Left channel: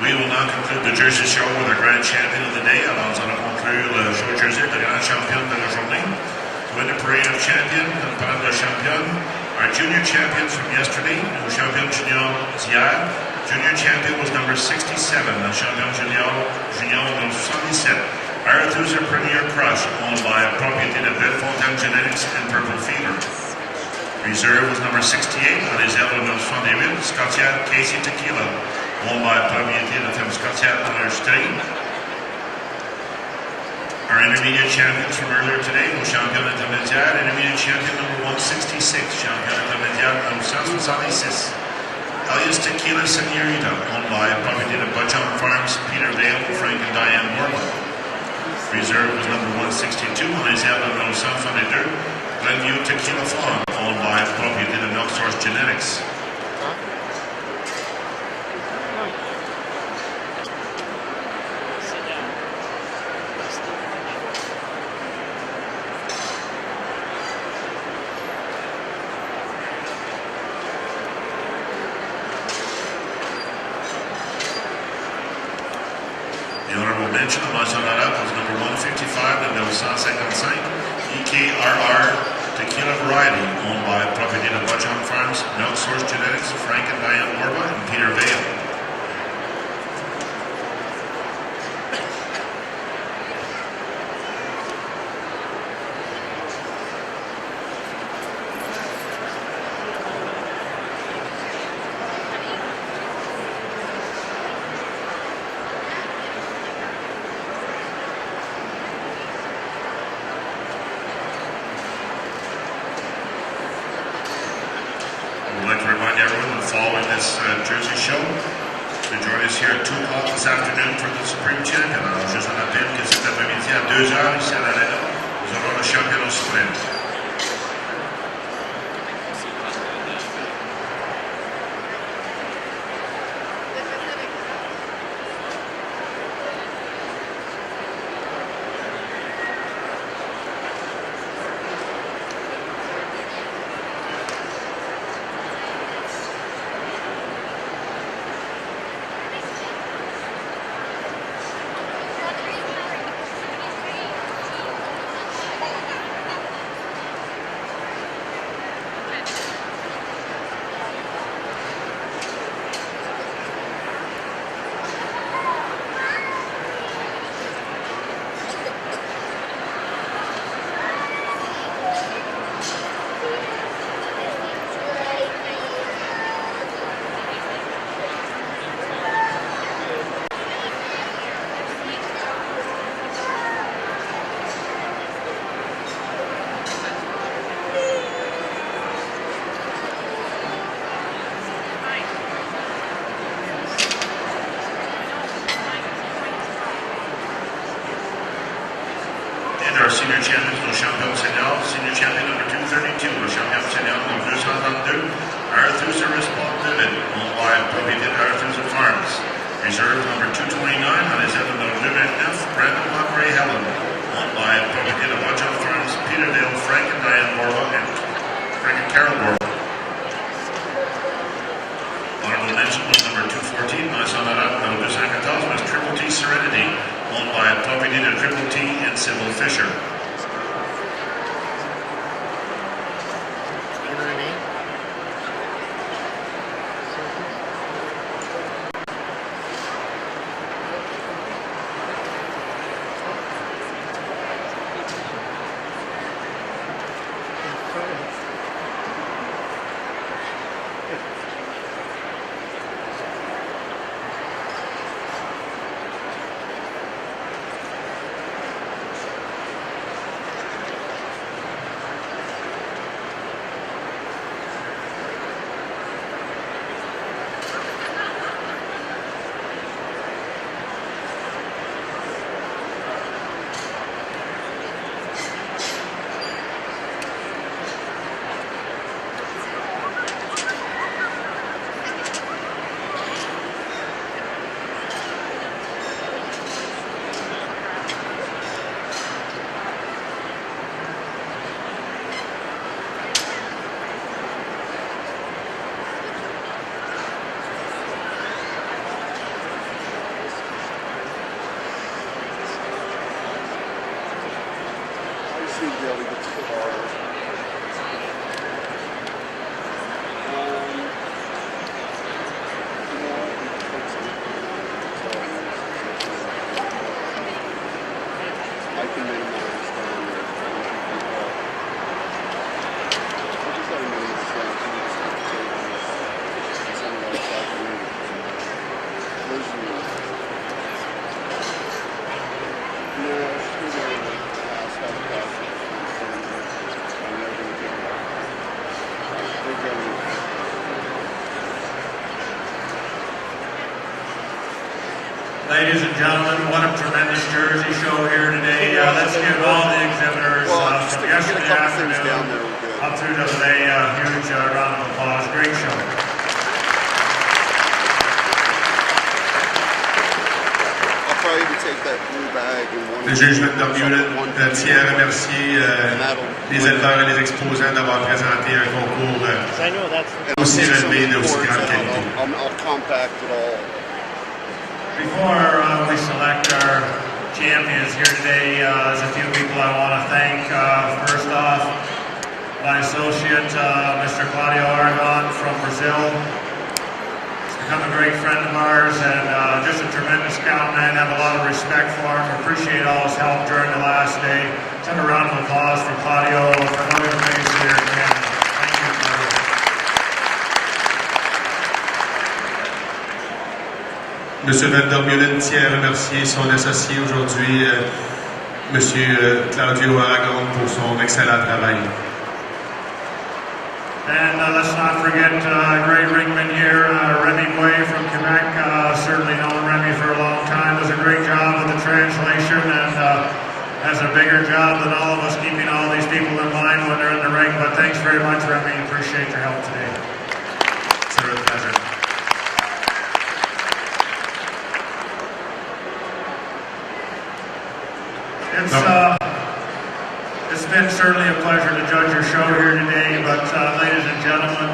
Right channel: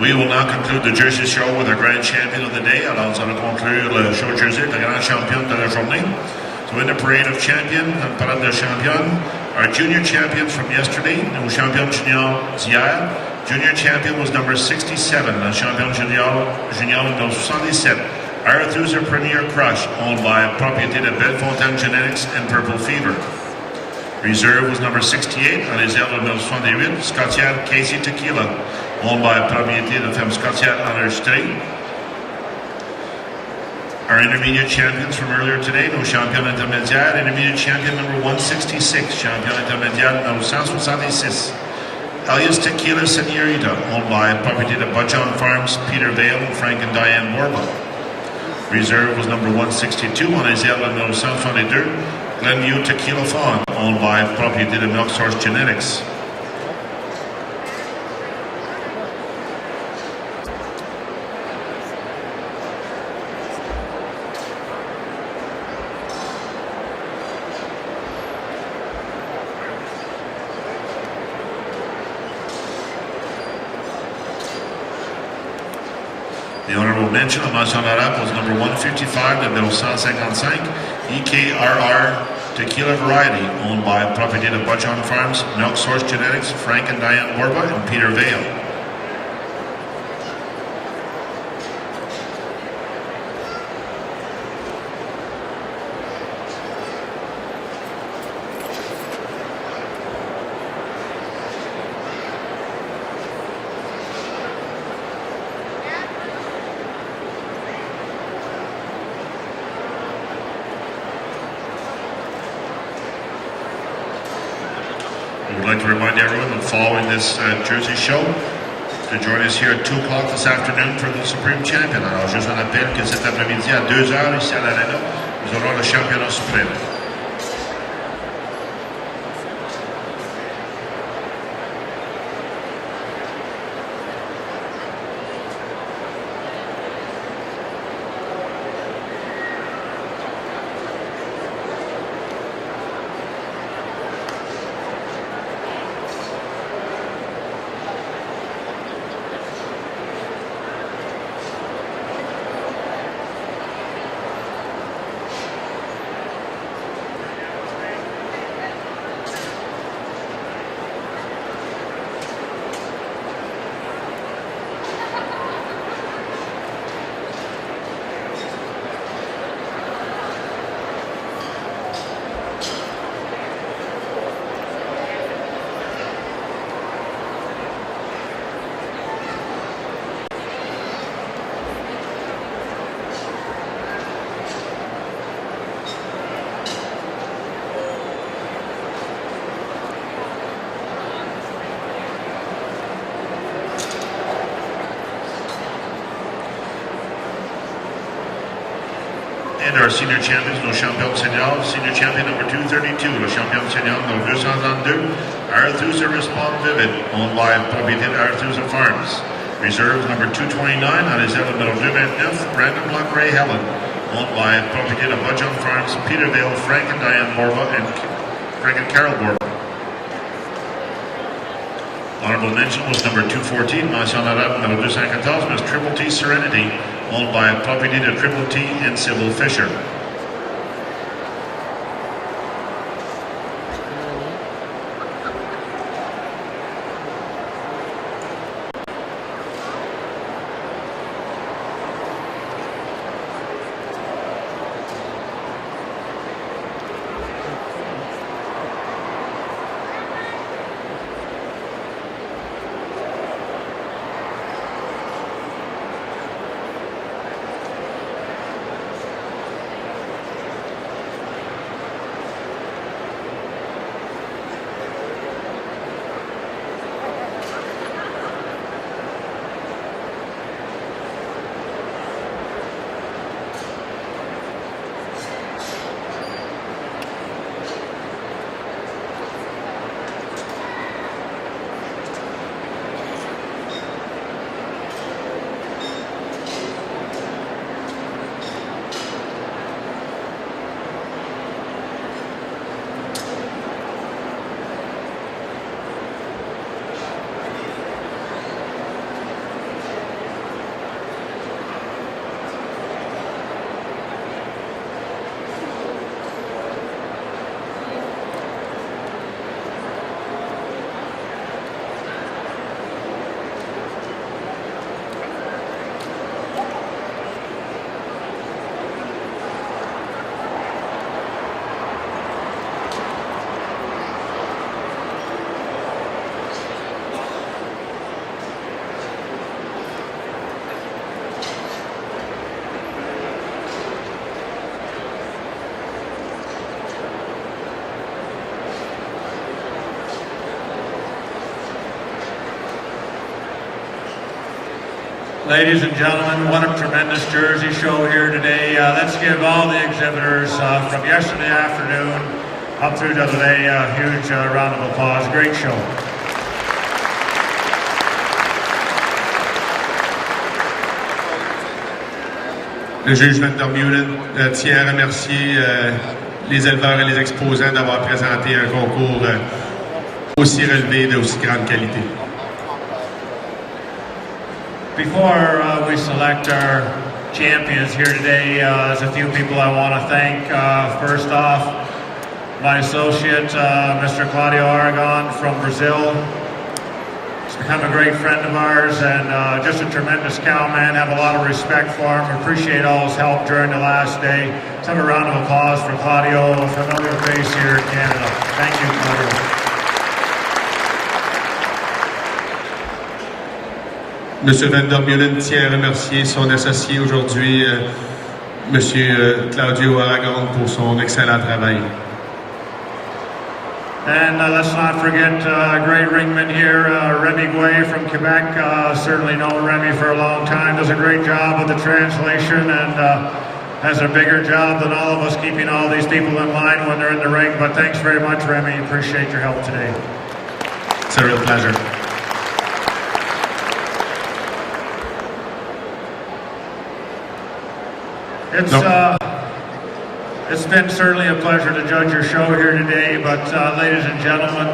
We will now conclude the Jersey Show with our grand champion of the day. Alors, nous allons conclure le show de Jersey avec la grande championne de la journée. So in the parade of champions, en parlant de championne, our junior champions from yesterday, nos champions juniors d'hier. Junior champion was number 67, la champion junior number 77. Arethusa Premier Crush, owned by a propriété de Bellefontaine Genetics and Purple Fever. Reserve was number 68, on les ailes number 78, Scotiabank Casey Tequila, owned by a propriété de Femme Scotiabank enregistrée. Our intermediate champions from earlier today, nos champions intermédiaires, intermediate champion number 166, champion intermédiaire number 166. Elias Tequila Senorita, owned by a property of Bud John Farms, Peter Vale, Frank and Diane Borba. Reserve was number 162, on les ailes number 122, Glenview Tequila Fawn, owned by a property of Milk Source Genetics. The honorable mention of mention honorable was number 155, the 155, EKRR Tequila Variety, owned by a property of Bud John Farms, Milk Source Genetics, Frank and Diane Borba, and Peter Vale. I would like to remind everyone that following this Jersey Show, to join us here at 2 o'clock this afternoon for the Supreme Champion. Alors, je vous rappelle que cet après-midi à 2h ici à l'Arena, nous aurons le championnat suprême. And our senior champions, le champion senior, senior champion number 232, le champion senior number 232, Arethusa Respond Vivid, owned by propriété d'Arethusa Farms. Reserve number 229, on les ailes number 229, Brandon Montgomery Helen, owned by propriété de Bud John Farms, Peter Vale, Frank and Diane Borba, and Frank and Carol Borba. Honorable mention was number 214, mention honorable number 214, was Triple T Serenity, owned by a property of Triple T and Sybil Fisher. Ladies and gentlemen, what a tremendous jersey show here today. Let's give all the exhibitors from yesterday afternoon up through to today a huge round of applause. Great show. Le juge Van der Meulen tient à remercier les éleveurs et les exposants d'avoir présenté un concours aussi relevé et d'aussi grande qualité. Before we select our champions here today, there's a few people I want to thank. First off, my associate, Mr. Claudio Aragon from Brazil. He's become a great friend of ours and just a tremendous cowman. Have a lot of respect for him. Appreciate all his help during the last day. Let's have a round of applause for Claudio, a familiar face here in Canada. Thank you, Claudio. Monsieur Van der Meulen tient à remercier son associé aujourd'hui, Monsieur Claudio Aragon, pour son excellent travail. And let's not forget a great ringman here, Remy Guay from Quebec. Certainly known Remy for a long time. Does a great job with the translation and has a bigger job than all of us keeping all these people in line when they're in the ring. But thanks very much, Remy. Appreciate your help today. It's a real pleasure. It's been certainly a pleasure to judge your show here today, but ladies and gentlemen,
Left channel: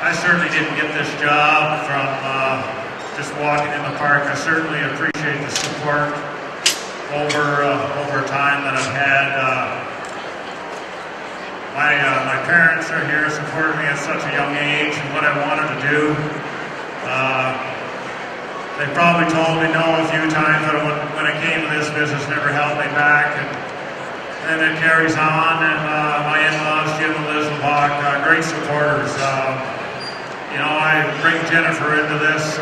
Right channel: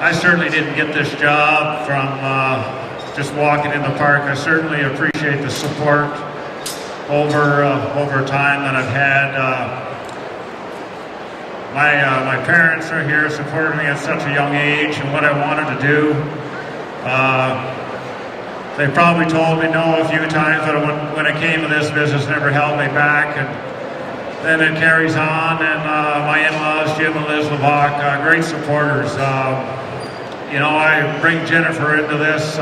I certainly didn't get this job from just walking in the park. I certainly appreciate the support over time that I've had. My parents are here supporting me at such a young age and what I wanted to do. They probably told me no a few times, but when it came to this business, never held me back. And then it carries on, and my in-laws, Jim and Liz LeBach, great supporters. I bring Jennifer into this.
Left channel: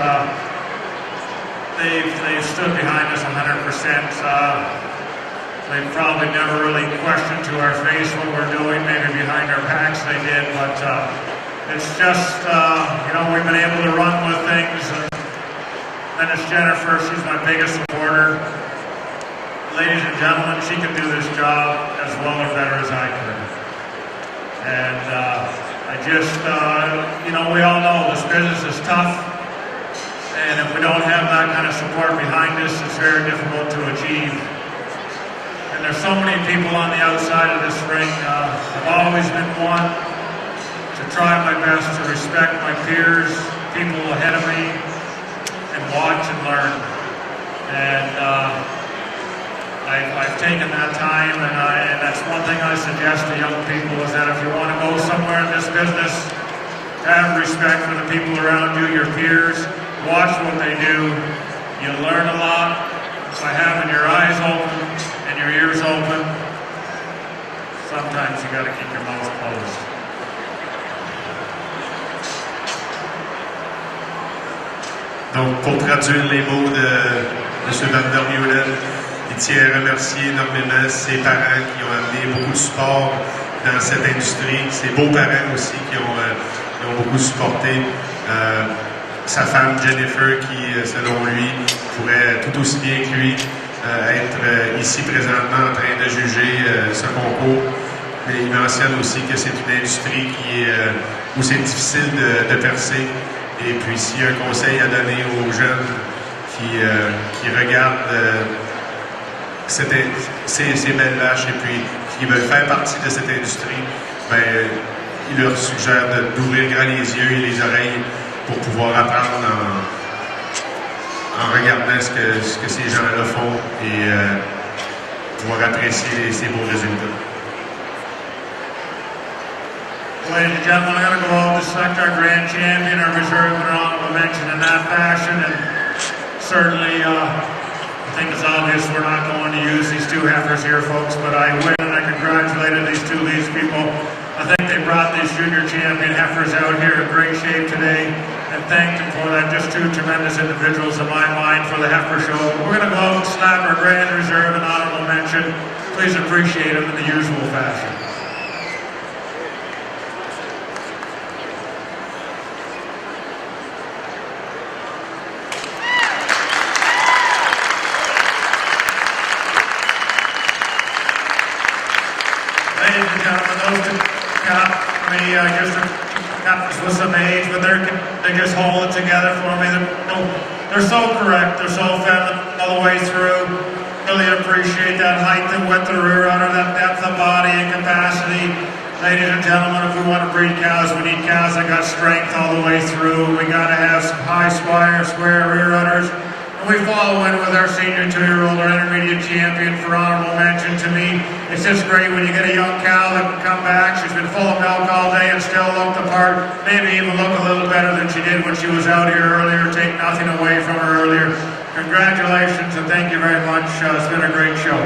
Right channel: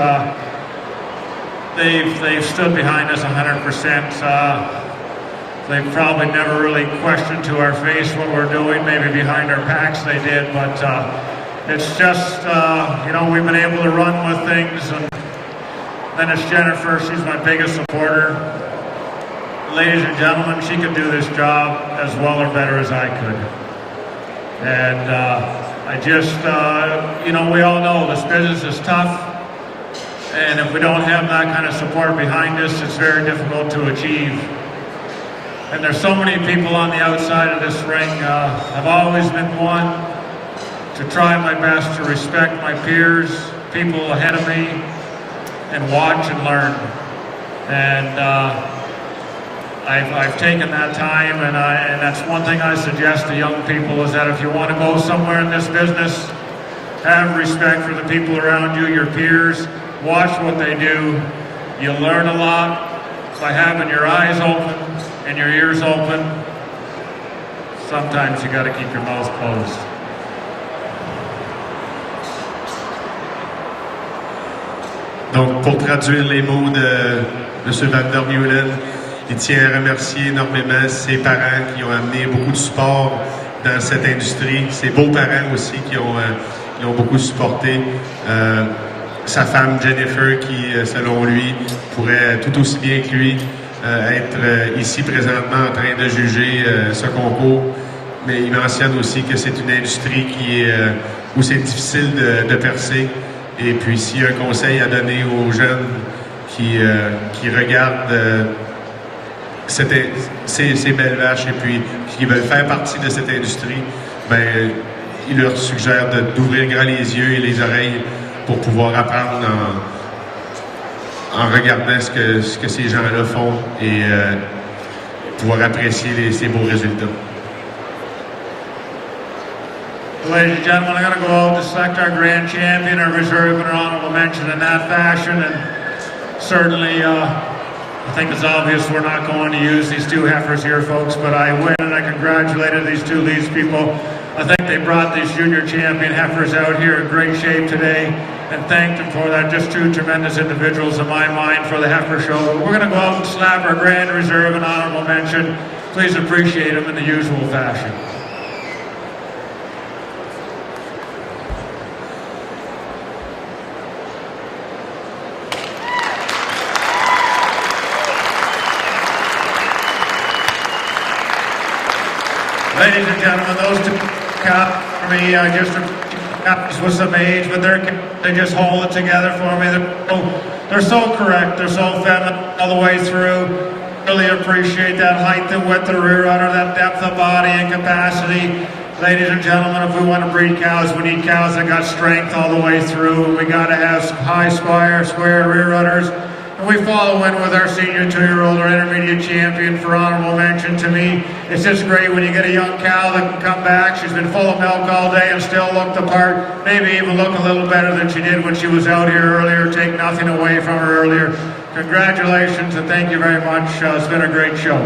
They've stood behind us 100%. They've probably never really questioned to our face what we're doing. Maybe behind our backs they did, but it's just, we've been able to run with things. And then it's Jennifer, she's my biggest supporter. Ladies and gentlemen, she could do this job as well or better as I could. And we all know this business is tough. And if we don't have that kind of support behind us, it's very difficult to achieve. And there's so many people on the outside of this ring. I've always been one to try my best to respect my peers, people ahead of me, and watch and learn. And I've taken that time, and that's one thing I suggest to young people is that if you want to go somewhere in this business, have respect for the people around you, your peers, watch what they do. You learn a lot by having your eyes open and your ears open. Sometimes you got to keep your mouth closed. Donc, pour traduire les mots de M. Van der Meulen, il tient à remercier énormément ses parents qui ont amené beaucoup de support dans cette industrie, ses beaux-parents aussi qui ont beaucoup supporté, sa femme Jennifer qui, selon lui, pourrait tout aussi bien que lui être ici présentement en train de juger ce concours. Mais il mentionne aussi que c'est une industrie où c'est difficile de percer. Et puis, s'il y a un conseil à donner aux jeunes qui regardent ces belles vaches et puis qui veulent faire partie de cette industrie, il leur suggère d'ouvrir grand les yeux et les oreilles pour pouvoir apprendre en regardant ce que ces gens-là font et pouvoir apprécier ces beaux résultats. Ladies and gentlemen, I'm going to go out to select our grand champion, our reserve and our honorable mention in that fashion. And certainly, I think it's obvious we're not going to use these two heifers here, folks, but I win and I congratulated these two leads people. I think they brought these junior champion heifers out here in great shape today and thanked them for that. Just two tremendous individuals in my mind for the heifer show. We're going to go out and slap our grand reserve and honorable mention. Please appreciate them in the usual fashion. ladies and gentlemen, those two got me just with some age, but they just hold it together for me. They're so correct. They're so feminine all the way through. Really appreciate that height and width of the rear udder, that depth of body and capacity. Ladies and gentlemen, if we want to breed cows, we need cows that got strength all the way through. We got to have some high square rear udders. And we follow in with our senior 2-year-old, our intermediate champion for honorable mention. To me, it's just great when you get a young cow that can come back. She's been full of milk all day and still look the part, maybe even look a little better than she did when she was out here earlier. Take nothing away from her earlier. Congratulations and thank you very much. It's been a great show.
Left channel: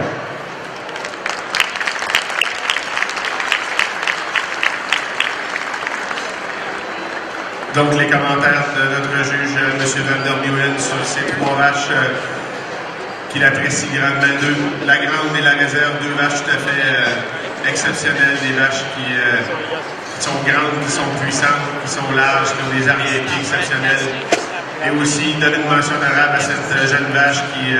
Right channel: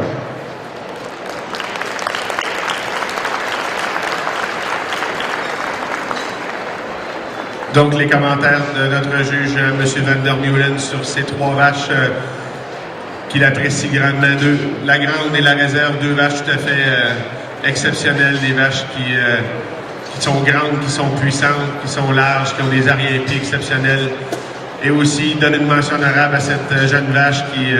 Donc, les commentaires de notre juge, M. Vandermeulen, sur ces 3 vaches qu'il apprécie grandement. La grande et la réserve, 2 vaches tout à fait exceptionnelles, des vaches qui sont grandes, qui sont puissantes, qui sont larges, qui ont des arrière-pieds exceptionnels. Et aussi, donner une mention honorable à cette jeune vache qui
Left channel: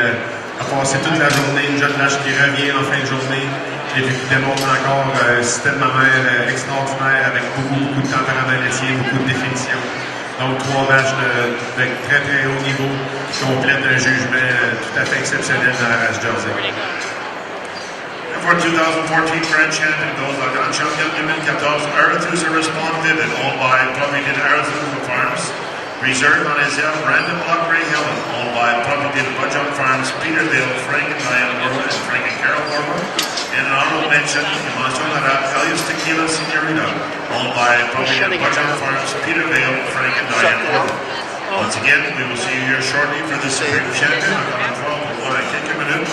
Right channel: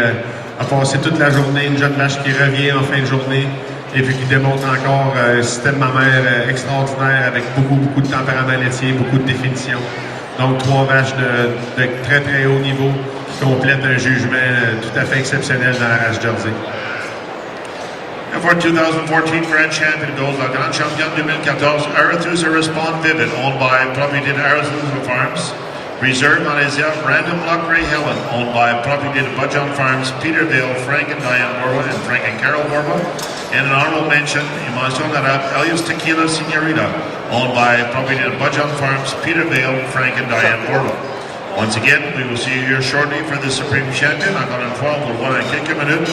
a passé toute la journée, une jeune vache qui revient en fin de journée. Et puis qui démontre encore un système mammaire extraordinaire avec beaucoup de tempérament laitier, beaucoup de définition. Donc 3 vaches de très haut niveau qui complètent un jugement tout à fait exceptionnel dans la race Jersey. And for 2014 Grand Champion goes la Grand Champion 2014 Arethusa Respond Vivid, owned by Propriété Arethusa Farms. Reserve Malaysia, Brandon Lockray Helen, owned by Propriété Budjong Farms, Peterville, Frank and Diane Borba, and Frank and Carol Borba. And an honorable mention, Mention Honorable, Elias Tequila Senorita, owned by Propriété Budjong Farms, Peterville, Frank and Diane Borba. Once again, we will see you here shortly for the Supreme Champion. Encore une fois, on va voir en quelques minutes.